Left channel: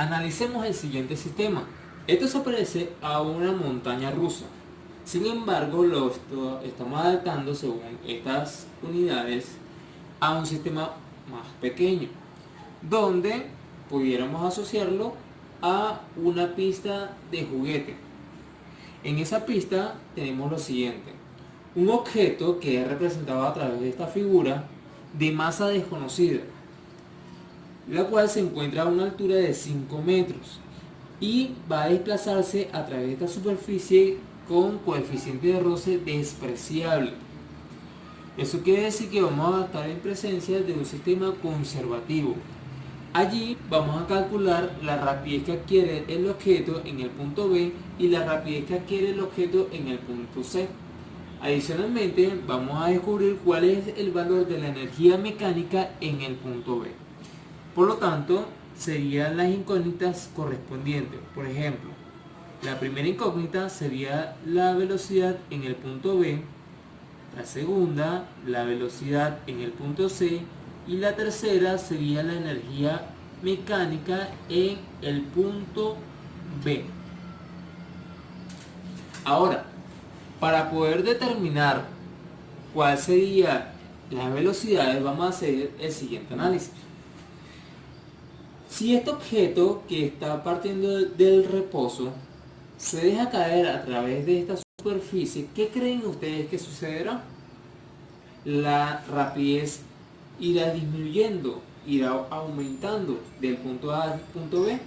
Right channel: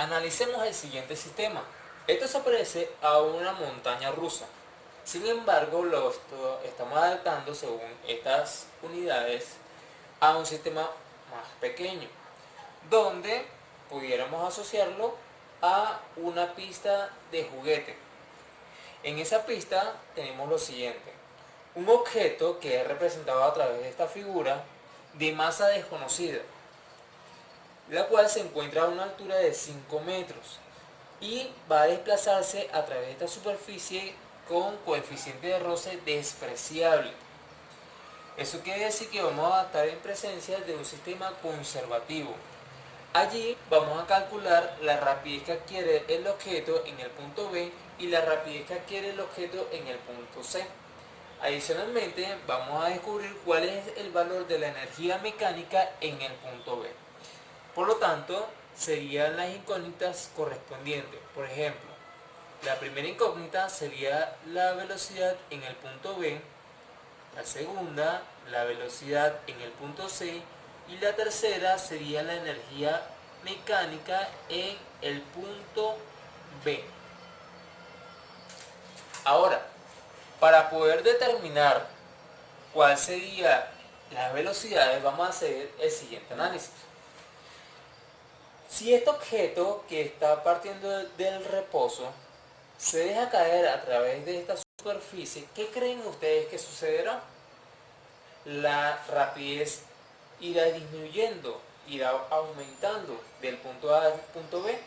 Analicemos el siguiente sistema. Esto se parece a una montaña rusa. Sin embargo, estamos adaptando según estas unidades a un sistema más pequeño, donde pudiéramos asociarlo a una pista de juguete. En esa pista tenemos lo siguiente: un objeto que es representado a través de esta figura de masa desconocida, la cual se encuentra a una altura de 5 metros y va a desplazarse a través de esta superficie con coeficiente de roce despreciable. Eso quiere decir que vamos a estar en presencia de un sistema conservativo. Allí vamos a calcular la rapidez que adquiere el objeto en el punto B y la rapidez que adquiere el objeto en el punto C. Adicionalmente, vamos a descubrir cuál es el valor de la energía mecánica en el punto B. Por lo tanto, serían las incógnitas correspondientes. Por ejemplo, la primera incógnita sería la velocidad en el punto B, la segunda, la velocidad en el punto C, y la tercera sería la energía mecánica en el punto B. Ahora, para poder determinar cuál sería las velocidades, vamos a hacer el siguiente análisis. Si este objeto que está partiendo del reposo se deja caer a través de esta superficie, ¿qué creen ustedes que sucederá? La rapidez irá disminuyendo, irá aumentando del punto A al punto B.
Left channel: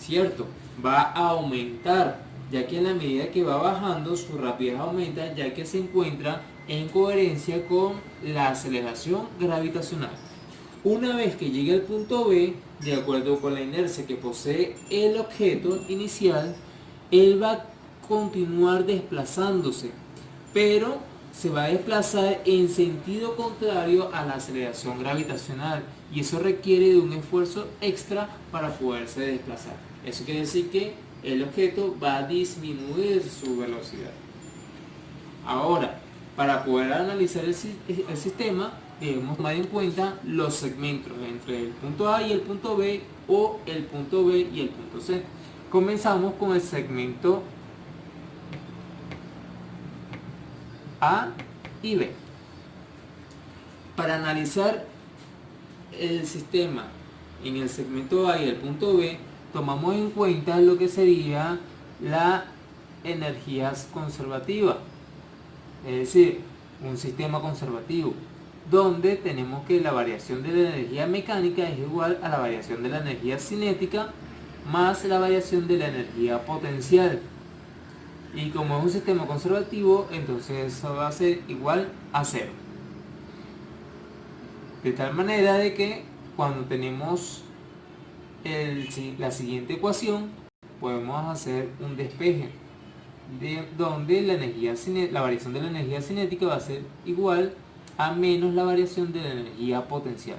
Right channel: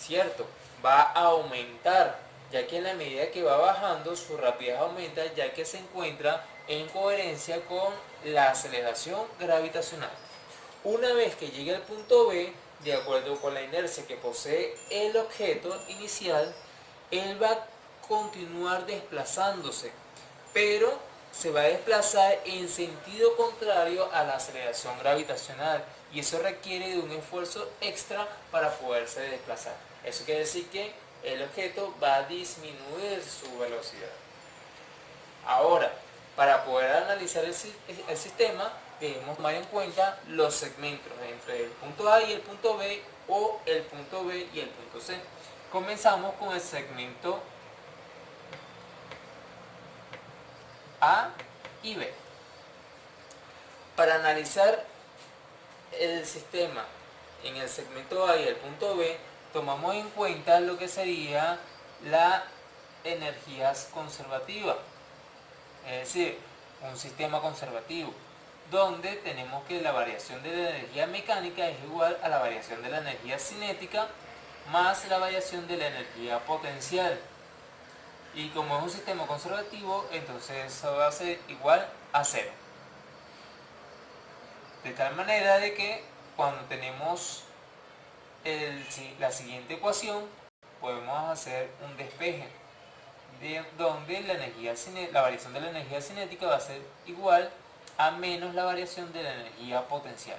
Cierto, va a aumentar, ya que en la medida que va bajando su rapidez aumenta, ya que se encuentra en coherencia con la aceleración gravitacional. Una vez que llegue al punto B, de acuerdo con la inercia que posee el objeto inicial, él va a continuar desplazándose, pero se va a desplazar en sentido contrario a la aceleración gravitacional, y eso requiere de un esfuerzo extra para poderse desplazar. Eso quiere decir que el objeto va a disminuir su velocidad. Ahora, para poder analizar el sistema, debemos tomar en cuenta los segmentos entre el punto A y el punto B, o el punto B y el punto C. Comenzamos con el segmento A y B. Para analizar el sistema en el segmento A y el punto B, tomamos en cuenta lo que sería la energía conservativa, es decir, un sistema conservativo, donde tenemos que la variación de la energía mecánica es igual a la variación de la energía cinética más la variación de la energía potencial. Y como es un sistema conservativo, entonces eso va a ser igual a 0. De tal manera de que cuando tenemos la siguiente ecuación, podemos hacer un despeje, donde la variación de la energía cinética va a ser igual a menos la variación de la energía potencial.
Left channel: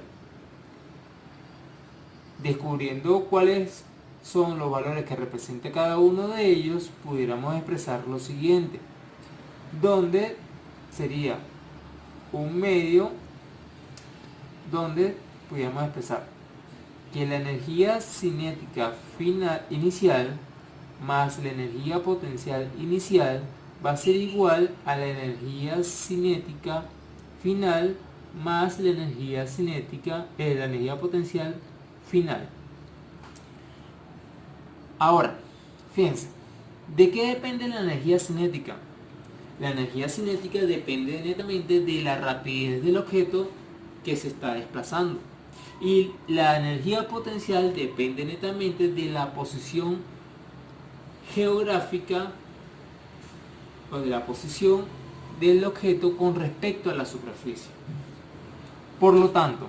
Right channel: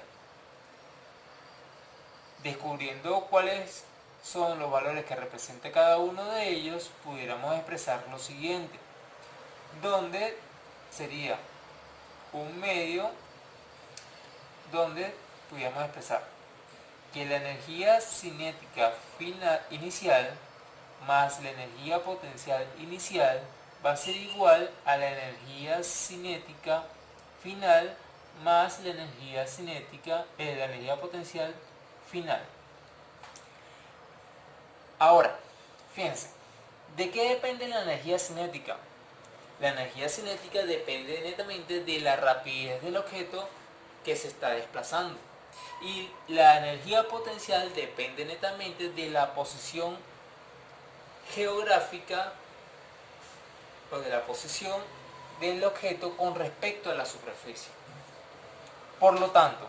Descubriendo cuáles son los valores que representa cada uno de ellos, pudiéramos expresar lo siguiente, donde sería un medio, donde pudiéramos expresar que la energía cinética inicial más la energía potencial inicial va a ser igual a la energía cinética final más la energía la energía potencial final. Ahora, fíjense, ¿de qué depende la energía cinética? La energía cinética depende netamente de la rapidez del objeto que se está desplazando, y la energía potencial depende netamente de la posición geográfica o de la posición del objeto con respecto a la superficie. Por lo tanto,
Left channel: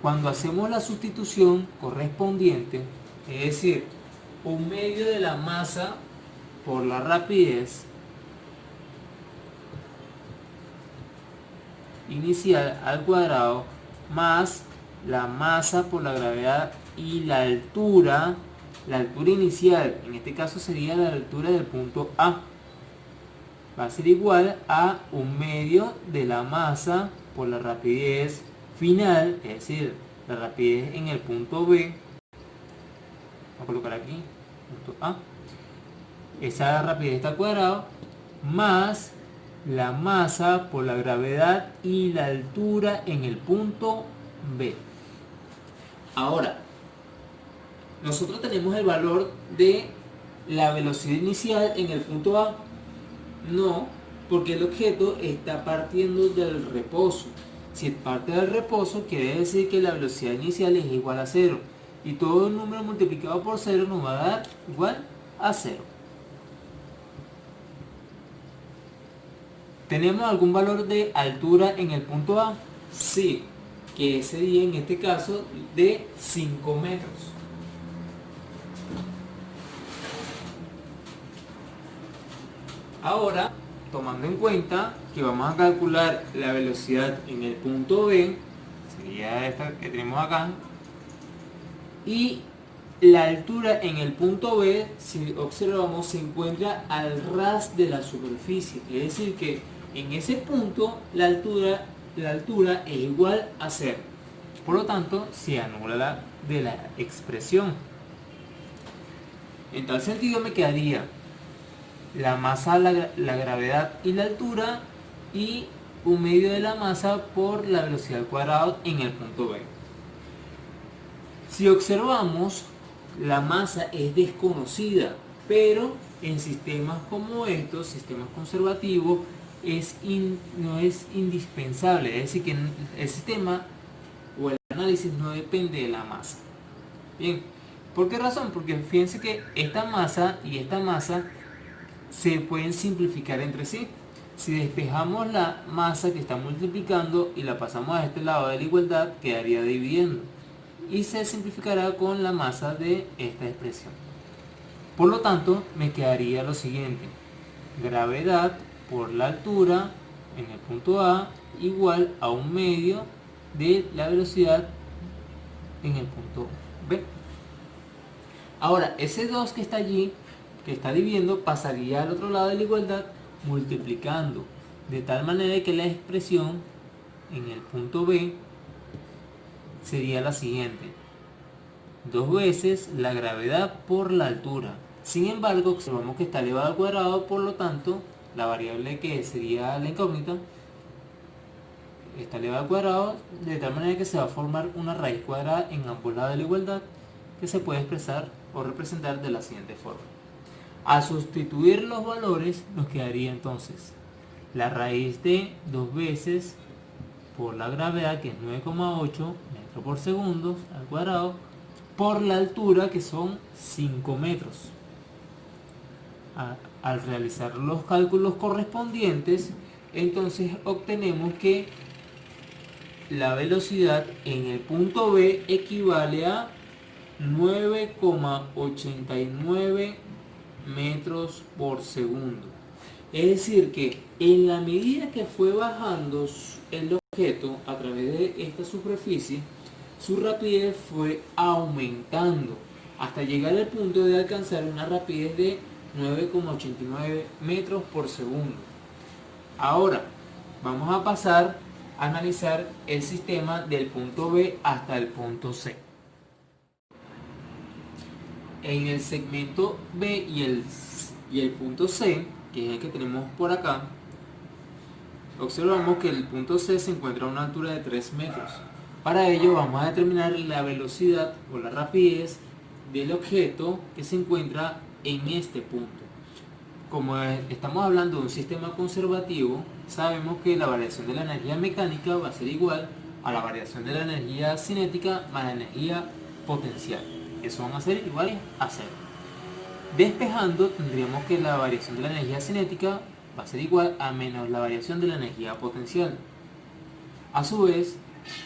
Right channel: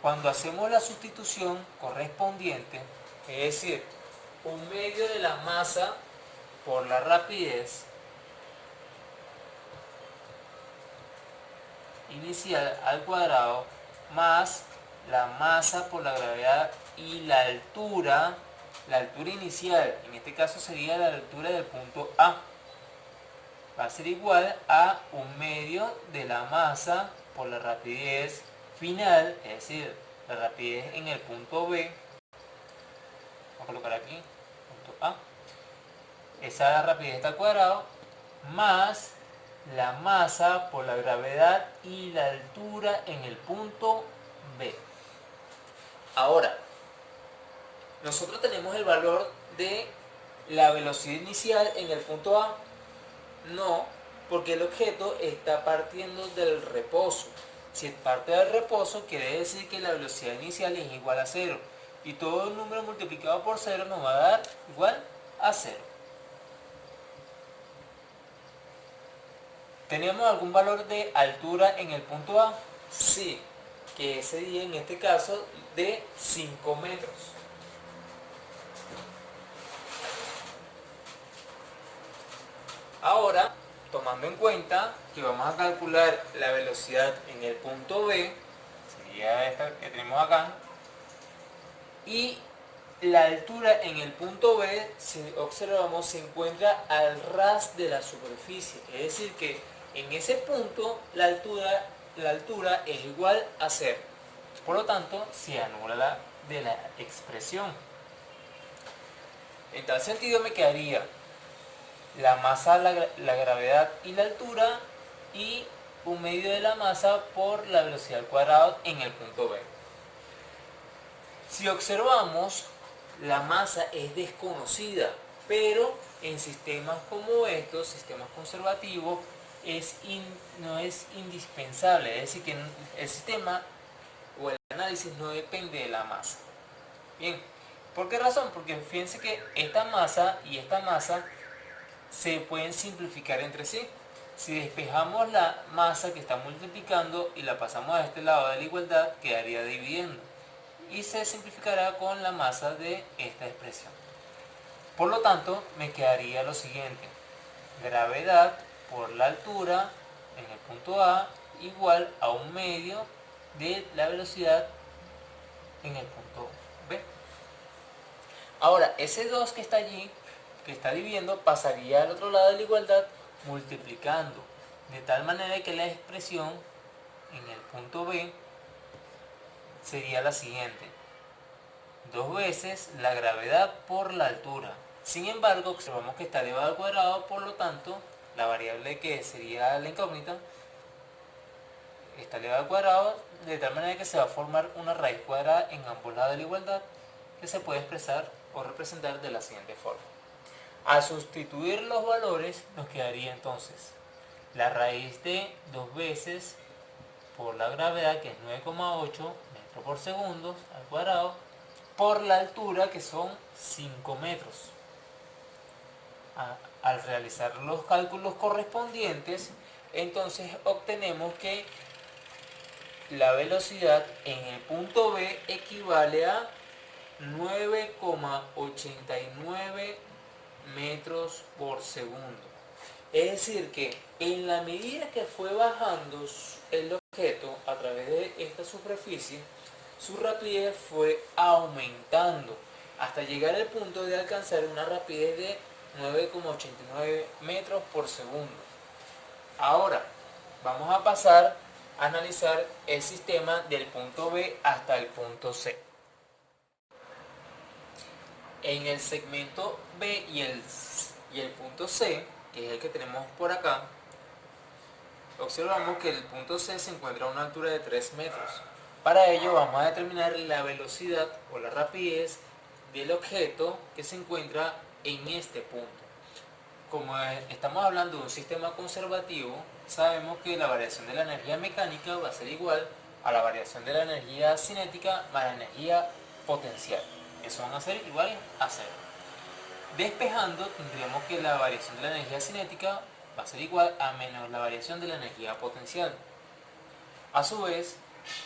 cuando hacemos la sustitución correspondiente, es decir, un medio de la masa por la rapidez inicial al cuadrado más la masa por la gravedad y la altura inicial, en este caso sería la altura del punto A, va a ser igual a un medio de la masa por la rapidez final, es decir, la rapidez en el punto B, a colocar aquí, punto A. Esa rapidez está al cuadrado más la masa por la gravedad y la altura en el punto B. Ahora, nosotros tenemos el valor de la velocidad inicial en el punto A. No, porque el objeto está partiendo del reposo. Si parte del reposo, quiere decir que la velocidad inicial es igual a 0. Y todo el número multiplicado por 0 nos va a dar igual a 0. ¿Tenemos algún valor de altura en el punto A? Sí, que sería en este caso de 5 metros. Ahora, tomando en cuenta que vamos a calcular la velocidad en el punto B, sería esta que tenemos acá, y la altura en el punto B, si observamos, se encuentra al ras de la superficie, es decir que en ese punto la altura es igual a 0. Por lo tanto, se anula de la expresión. En tal sentido me quedaría la masa, la gravedad y la altura, y un medio de la masa por la velocidad al cuadrado en el punto B. Si observamos, la masa es desconocida, pero en sistemas como estos, sistemas conservativos, no es indispensable, es decir que el sistema o el análisis no depende de la masa. Bien, ¿por qué razón? Porque fíjense que esta masa y esta masa se pueden simplificar entre sí. Si despejamos la masa que está multiplicando y la pasamos a este lado de la igualdad, quedaría dividiendo y se simplificará con la masa de esta expresión. Por lo tanto, me quedaría lo siguiente: gravedad por la altura en el punto A igual a un medio de la velocidad en el punto B. Ahora, ese 2 que está allí, que está dividiendo, pasaría al otro lado de la igualdad multiplicando, de tal manera que la expresión en el punto B sería la siguiente: 2 veces la gravedad por la altura. Sin embargo, observamos que está elevado al cuadrado, por lo tanto, la variable que sería la incógnita está elevado al cuadrado, de tal manera que se va a formar una raíz cuadrada en ambos lados de la igualdad, que se puede expresar o representar de la siguiente forma. Al sustituir los valores, nos quedaría entonces la raíz de 2 veces por la gravedad, que es 9,8 metros por segundo al cuadrado, por la altura, que son 5 metros. Al realizar los cálculos correspondientes, entonces obtenemos que la velocidad en el punto B equivale a 9,89 metros por segundo. Es decir que en la medida que fue bajando el objeto a través de esta superficie, su rapidez fue aumentando hasta llegar al punto de alcanzar una rapidez de 9,89 metros por segundo. Ahora vamos a pasar a analizar el sistema del punto B hasta el punto C. En el segmento B y el punto C, que es el que tenemos por acá, observamos que el punto C se encuentra a una altura de 3 metros. Para ello vamos a determinar la velocidad o la rapidez del objeto que se encuentra en este punto. Como estamos hablando de un sistema conservativo, sabemos que la variación de la energía mecánica va a ser igual a la variación de la energía cinética más la energía potencial. Eso van a ser iguales a 0. Despejando, tendríamos que la variación de la energía cinética va a ser igual a menos la variación de la energía potencial. A su vez,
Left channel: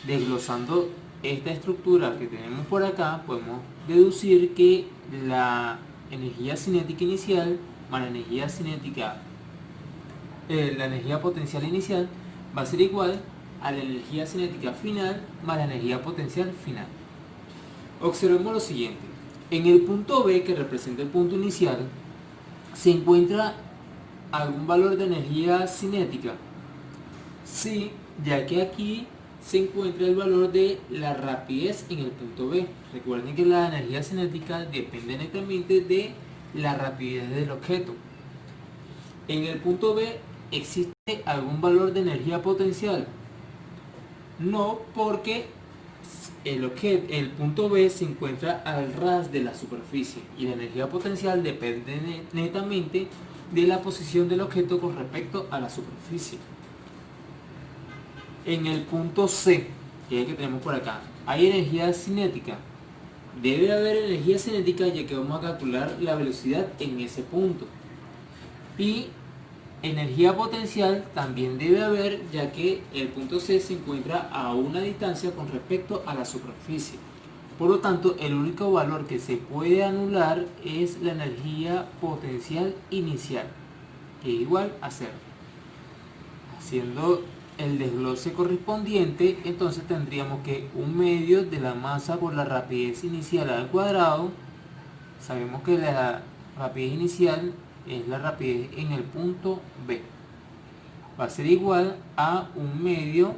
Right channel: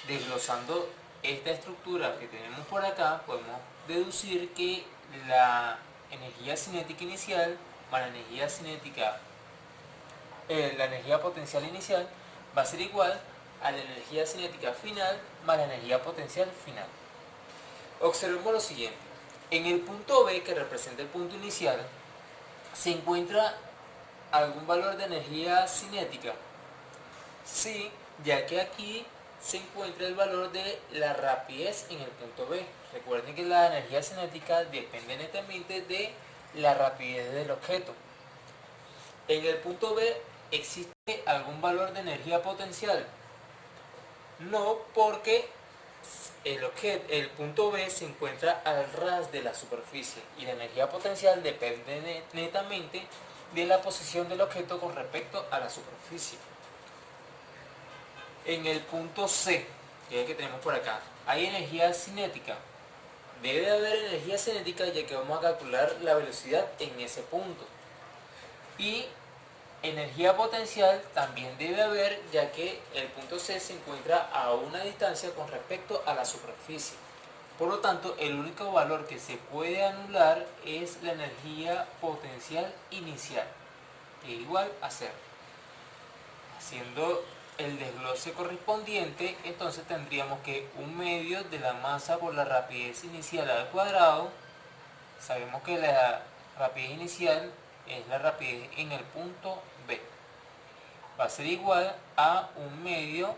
desglosando esta estructura que tenemos por acá, podemos deducir que la energía cinética inicial más la energía cinética, la energía potencial inicial va a ser igual a la energía cinética final más la energía potencial final. Observemos lo siguiente: en el punto B, que representa el punto inicial, ¿se encuentra algún valor de energía cinética? Sí, ya que aquí se encuentra el valor de la rapidez en el punto B. Recuerden que la energía cinética depende netamente de la rapidez del objeto. En el punto B, ¿existe algún valor de energía potencial? No, porque el punto B se encuentra al ras de la superficie y la energía potencial depende netamente de la posición del objeto con respecto a la superficie. En el punto C, que es el que tenemos por acá, ¿hay energía cinética? Debe haber energía cinética, ya que vamos a calcular la velocidad en ese punto. Y energía potencial también debe haber, ya que el punto C se encuentra a una distancia con respecto a la superficie. Por lo tanto, el único valor que se puede anular es la energía potencial inicial, que es igual a 0. Haciendo el desglose correspondiente, entonces tendríamos que 1/2 de la masa por la rapidez inicial al cuadrado. Sabemos que la rapidez inicial es la rapidez en el punto B. Va a ser igual a 1/2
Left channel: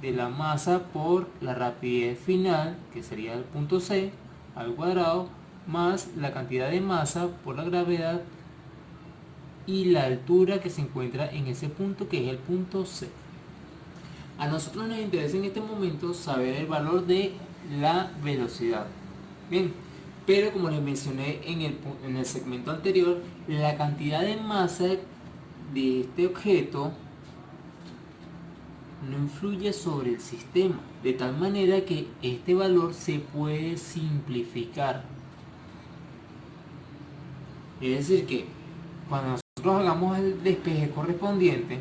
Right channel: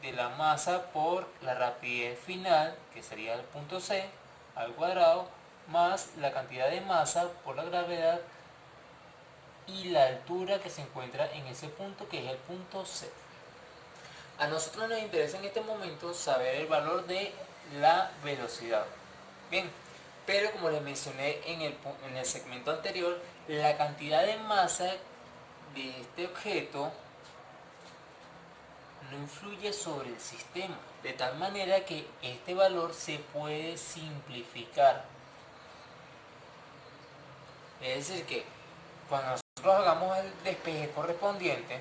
de la masa por la rapidez final, que sería el punto C, al cuadrado, más la cantidad de masa por la gravedad y la altura que se encuentra en ese punto, que es el punto C. A nosotros nos interesa en este momento saber el valor de la velocidad. Bien, pero como les mencioné en el segmento anterior, la cantidad de masa de este objeto no influye sobre el sistema, de tal manera que este valor se puede simplificar. Es decir, que cuando nosotros hagamos el despeje correspondiente,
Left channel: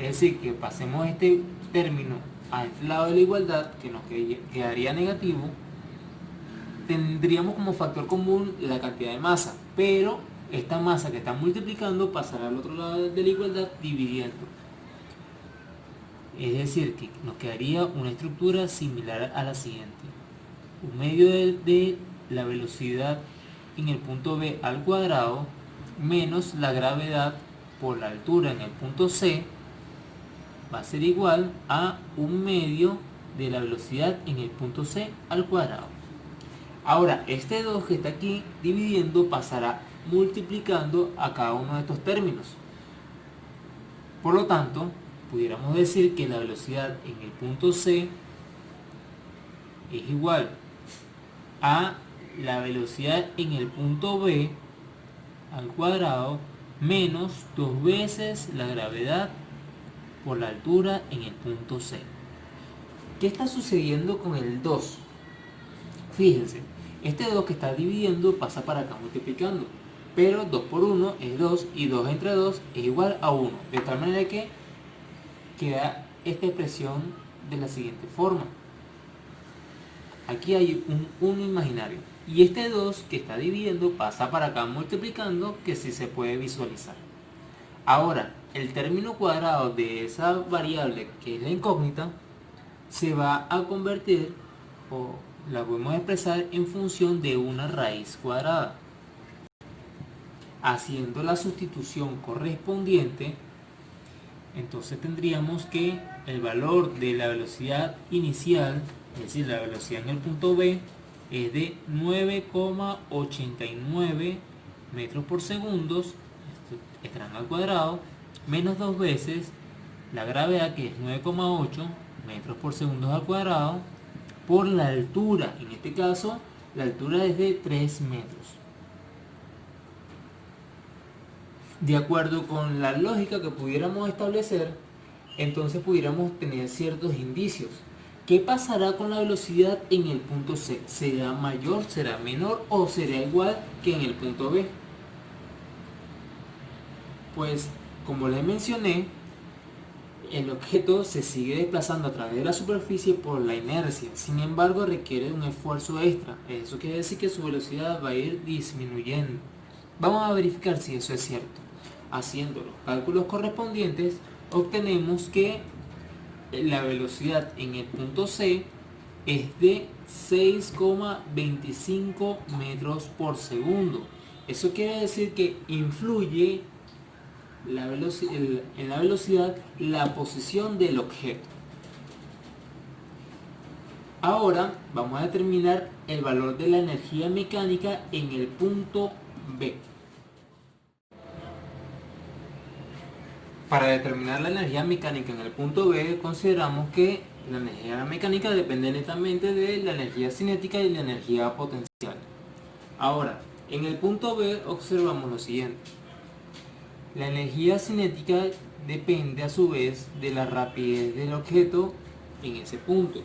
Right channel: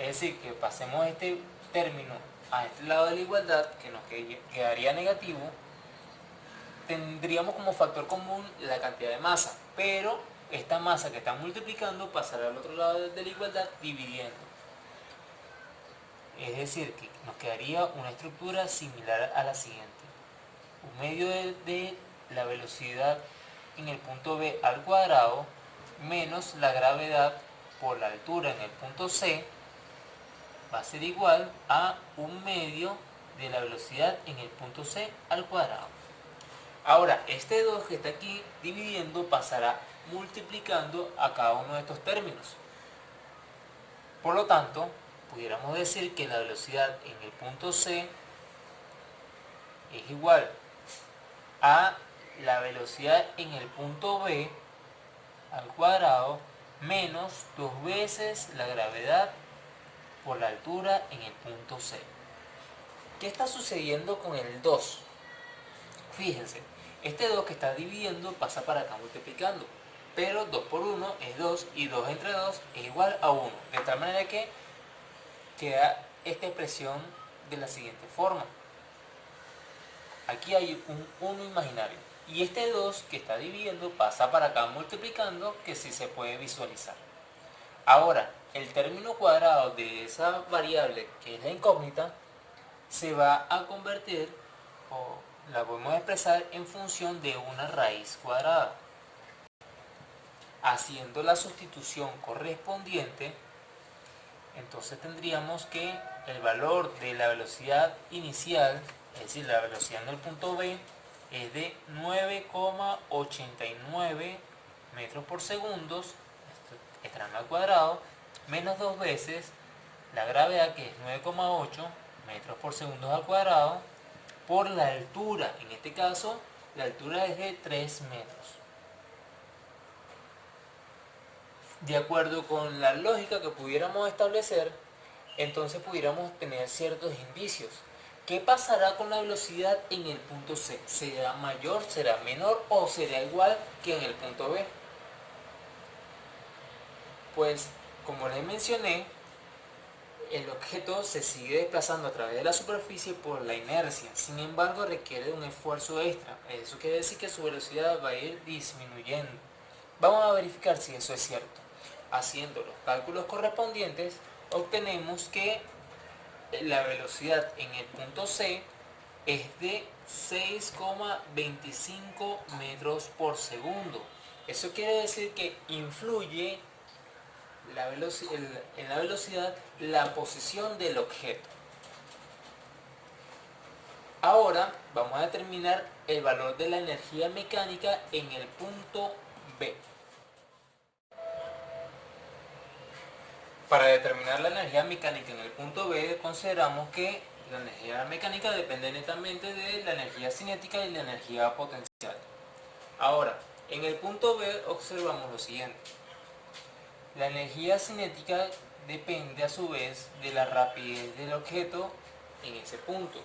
es decir, que pasemos este término a este lado de la igualdad, que nos quedaría negativo, tendríamos como factor común la cantidad de masa, pero esta masa que está multiplicando pasará al otro lado de la igualdad dividiendo. Es decir, que nos quedaría una estructura similar a la siguiente. 1/2 de la velocidad en el punto B al cuadrado menos la gravedad por la altura en el punto C va a ser igual a 1/2 de la velocidad en el punto C al cuadrado. Ahora, este 2 que está aquí dividiendo pasará multiplicando a cada uno de estos términos. Por lo tanto, pudiéramos decir que la velocidad en el punto C es igual a la velocidad en el punto B al cuadrado menos 2 veces la gravedad por la altura en el punto C. ¿Qué está sucediendo con el 2? Fíjense, este 2 que está dividiendo pasa para acá multiplicando, pero 2 por 1 es 2 y 2 entre 2 es igual a 1, de tal manera que queda esta expresión de la siguiente forma. Aquí hay un 1 imaginario y este 2 que está dividiendo pasa para acá multiplicando, que sí se puede visualizar. Ahora, el término cuadrado de esa variable que es la incógnita se va a convertir, o la podemos expresar en función de una raíz cuadrada. Haciendo la sustitución correspondiente, entonces tendríamos que el valor de la velocidad inicial, es decir, la velocidad en el punto B, es de 9,89 metros por segundo, estarán al cuadrado, menos 2 veces la gravedad, que es 9,8 metros por segundo al cuadrado, por la altura. En este caso, la altura es de 3 metros. De acuerdo con la lógica que pudiéramos establecer, entonces pudiéramos tener ciertos indicios. ¿Qué pasará con la velocidad en el punto C? ¿Será mayor, será menor o será igual que en el punto B? Pues, como les mencioné, el objeto se sigue desplazando a través de la superficie por la inercia. Sin embargo, requiere un esfuerzo extra. Eso quiere decir que su velocidad va a ir disminuyendo. Vamos a verificar si eso es cierto. Haciendo los cálculos correspondientes, obtenemos que la velocidad en el punto C es de 6,25 metros por segundo. Eso quiere decir que influye en la velocidad la posición del objeto. Ahora vamos a determinar el valor de la energía mecánica en el punto B. Para determinar la energía mecánica en el punto B, consideramos que la energía mecánica depende netamente de la energía cinética y la energía potencial. Ahora, en el punto B observamos lo siguiente. La energía cinética depende a su vez de la rapidez del objeto en ese punto,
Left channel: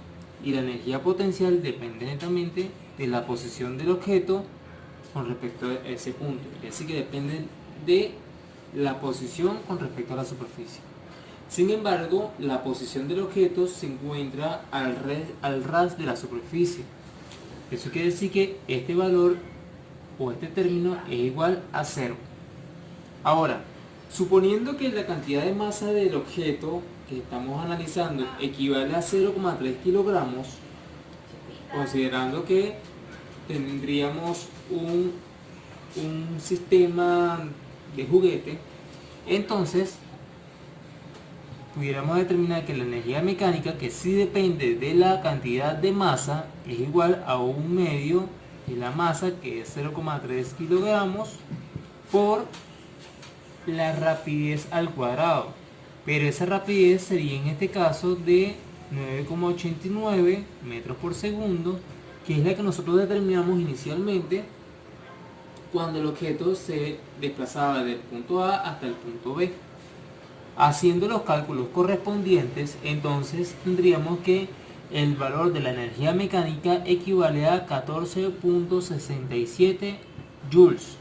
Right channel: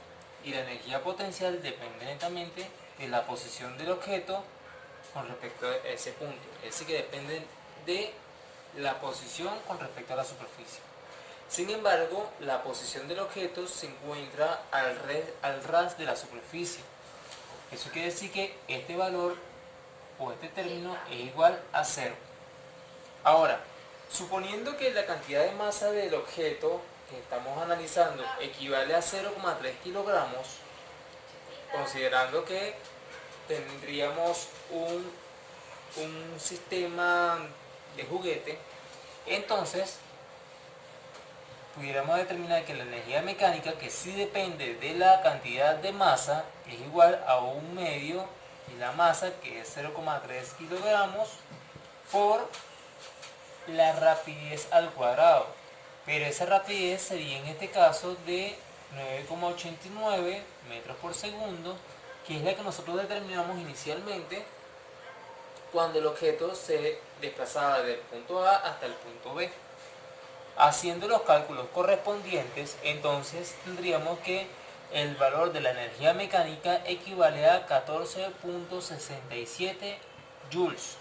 y la energía potencial depende netamente de la posición del objeto con respecto a ese punto. Es decir, que dependen de la posición con respecto a la superficie. Sin embargo, la posición del objeto se encuentra al ras de la superficie. Eso quiere decir que este valor o este término es igual a 0. Ahora, suponiendo que la cantidad de masa del objeto que estamos analizando equivale a 0,3 kilogramos, considerando que tendríamos un sistema de juguete, entonces pudiéramos determinar que la energía mecánica, que sí depende de la cantidad de masa, es igual a 1/2 de la masa, que es 0,3 kilogramos, por la rapidez al cuadrado. Pero esa rapidez sería en este caso de 9,89 metros por segundo, que es la que nosotros determinamos inicialmente cuando el objeto se desplazaba del punto A hasta el punto B. Haciendo los cálculos correspondientes, entonces tendríamos que el valor de la energía mecánica equivale a 14,67 joules.